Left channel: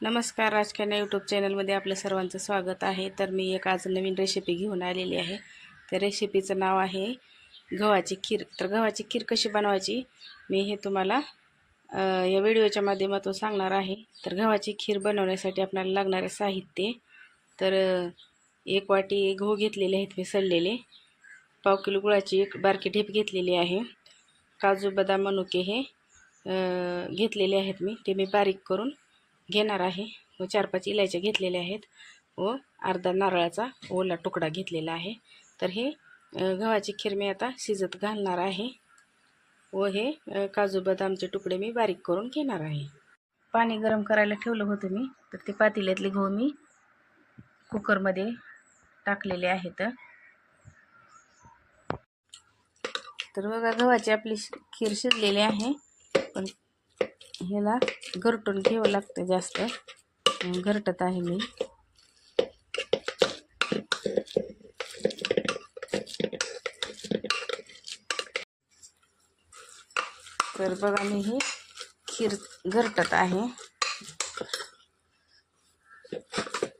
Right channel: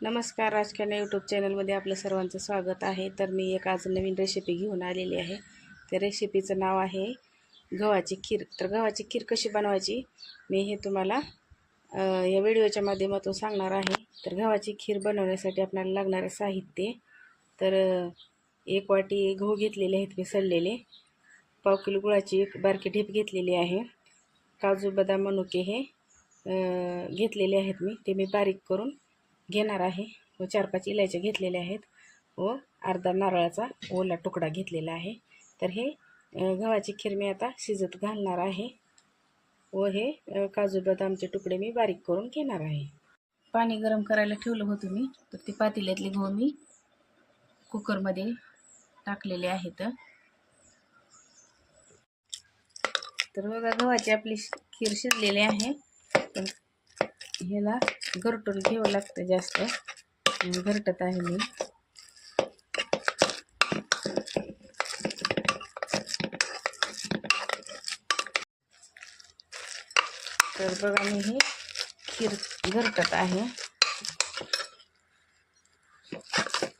नमस्कार राजकन्या यूट्यूब चॅनलमध्ये आपलं सर्वांचं स्वागत आहे. तर मी एक आज नवीन रेसिपी घेऊन आलेली आहे. त्या रेसिपीचं नाव आहे गव्हाची खीर. तर गव्हाची खीर कशी बनवायची? मी हे तुम्हाला या व्हिडिओच्या माध्यमातून सांगणार आहे. तर गव्हाची खीर बनवण्यासाठी आपल्याला लागणारे साहित्य तर एक वाटी गहू घेतलेले आहेत मी सडलेले पाव किलो गुळाची एक बारकी ढेप घेतलेली आहे. काजू बदाम मनुके हे घेतलेले आहेत मी. ते मी बारीक करून घेणार आहे. व चार पाच इलायच्या घेतलेल्या आहेत. व अर्धा नारळाचा ओला तुकडा घेतलेला आहे. तर हे गव्हाची खीर मी आता शिजत घालणार आहे. व हे काजू बदामचे तुकडे मी बारीक करून घेणार आहे. पाणी गरम करायला ठेवलं होतं मी. तर ते पातेल्यातले गहू मी कुकरमध्ये टाकलेले आहेत. तर बघा गव्हाची आपली खीर शिजलेली आहे. पण ह्याला घरटून घ्यावं लागतं जास्त. घरटत आहे मी. तर बघा मी हे खीर घरटत आहे.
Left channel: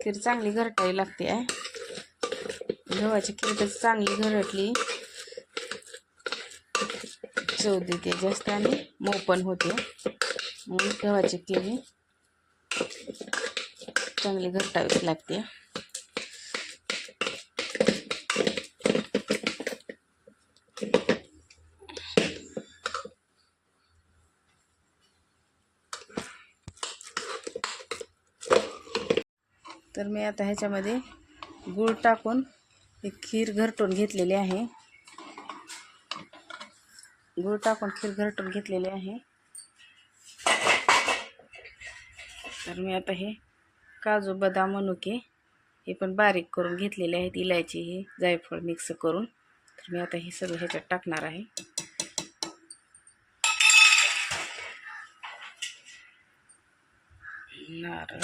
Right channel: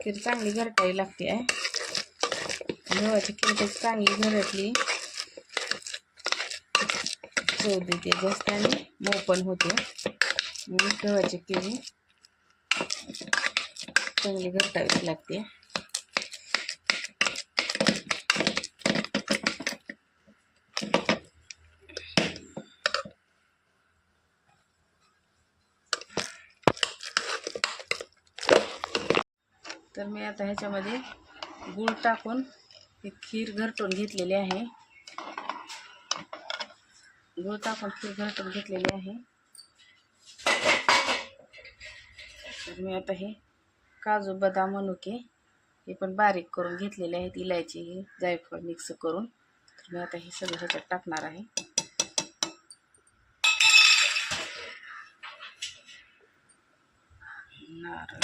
खीर चांगली घरटावी लागते आहे. गव्हाची खीर कशी चांगली घरटली. चव देते जास्त आणि मऊ पण होते. म्हणून गव्हाची खीर चांगली घरटावीच लागते. तर मी आता ह्याच्यामध्ये गूळ टाकून ही खीर घरटून घेतलेली आहे. गूळ टाकून खीर घरटून घेतलेली आहे. तर मी आता हे काजू बदाम मनुके हे पण बारीक करून घेतलेले आहेत. इलायची हे जायफळ मिक्स करून. तर मी आता हे सगळं ह्याच्यात टाकणार आहे. नारळ.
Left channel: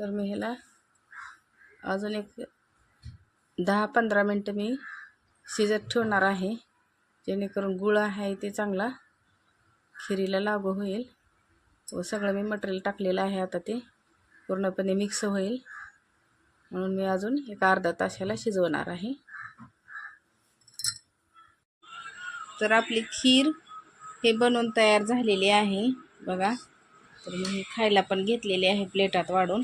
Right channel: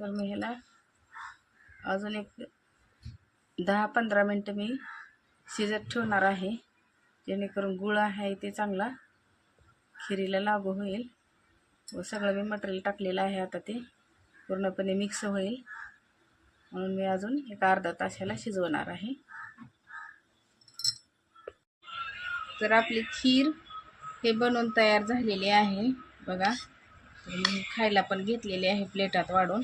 तर मी ह्याला अजून एक दहा पंधरा मिनटं मी शिजत ठेवणार आहे. जेणेकरून गुळ आहे ते चांगला खिरीला लागू होईल. व सगळं मी मटेरियल टाकलेलं आहे आता ते. पूर्णपणे मिक्स होईल. म्हणून मी अजून एक अर्धा तासाला शिजवणार आहे. तर आपली खीर हे बनवून तयार झालेली आहे. बघा. तर मी खायला पण घेतलेली आहे प्लेटात वाढून.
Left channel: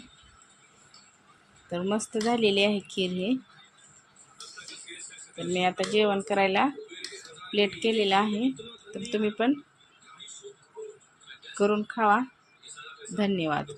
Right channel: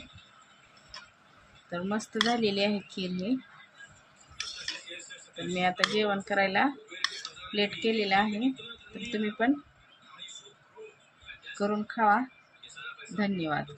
तर मस्त झालेली आहे खीर हे. तर मी आता जेवण करायला प्लेट केलेलं आहे. तर तुम्ही पण करून खावा. धन्यवाद.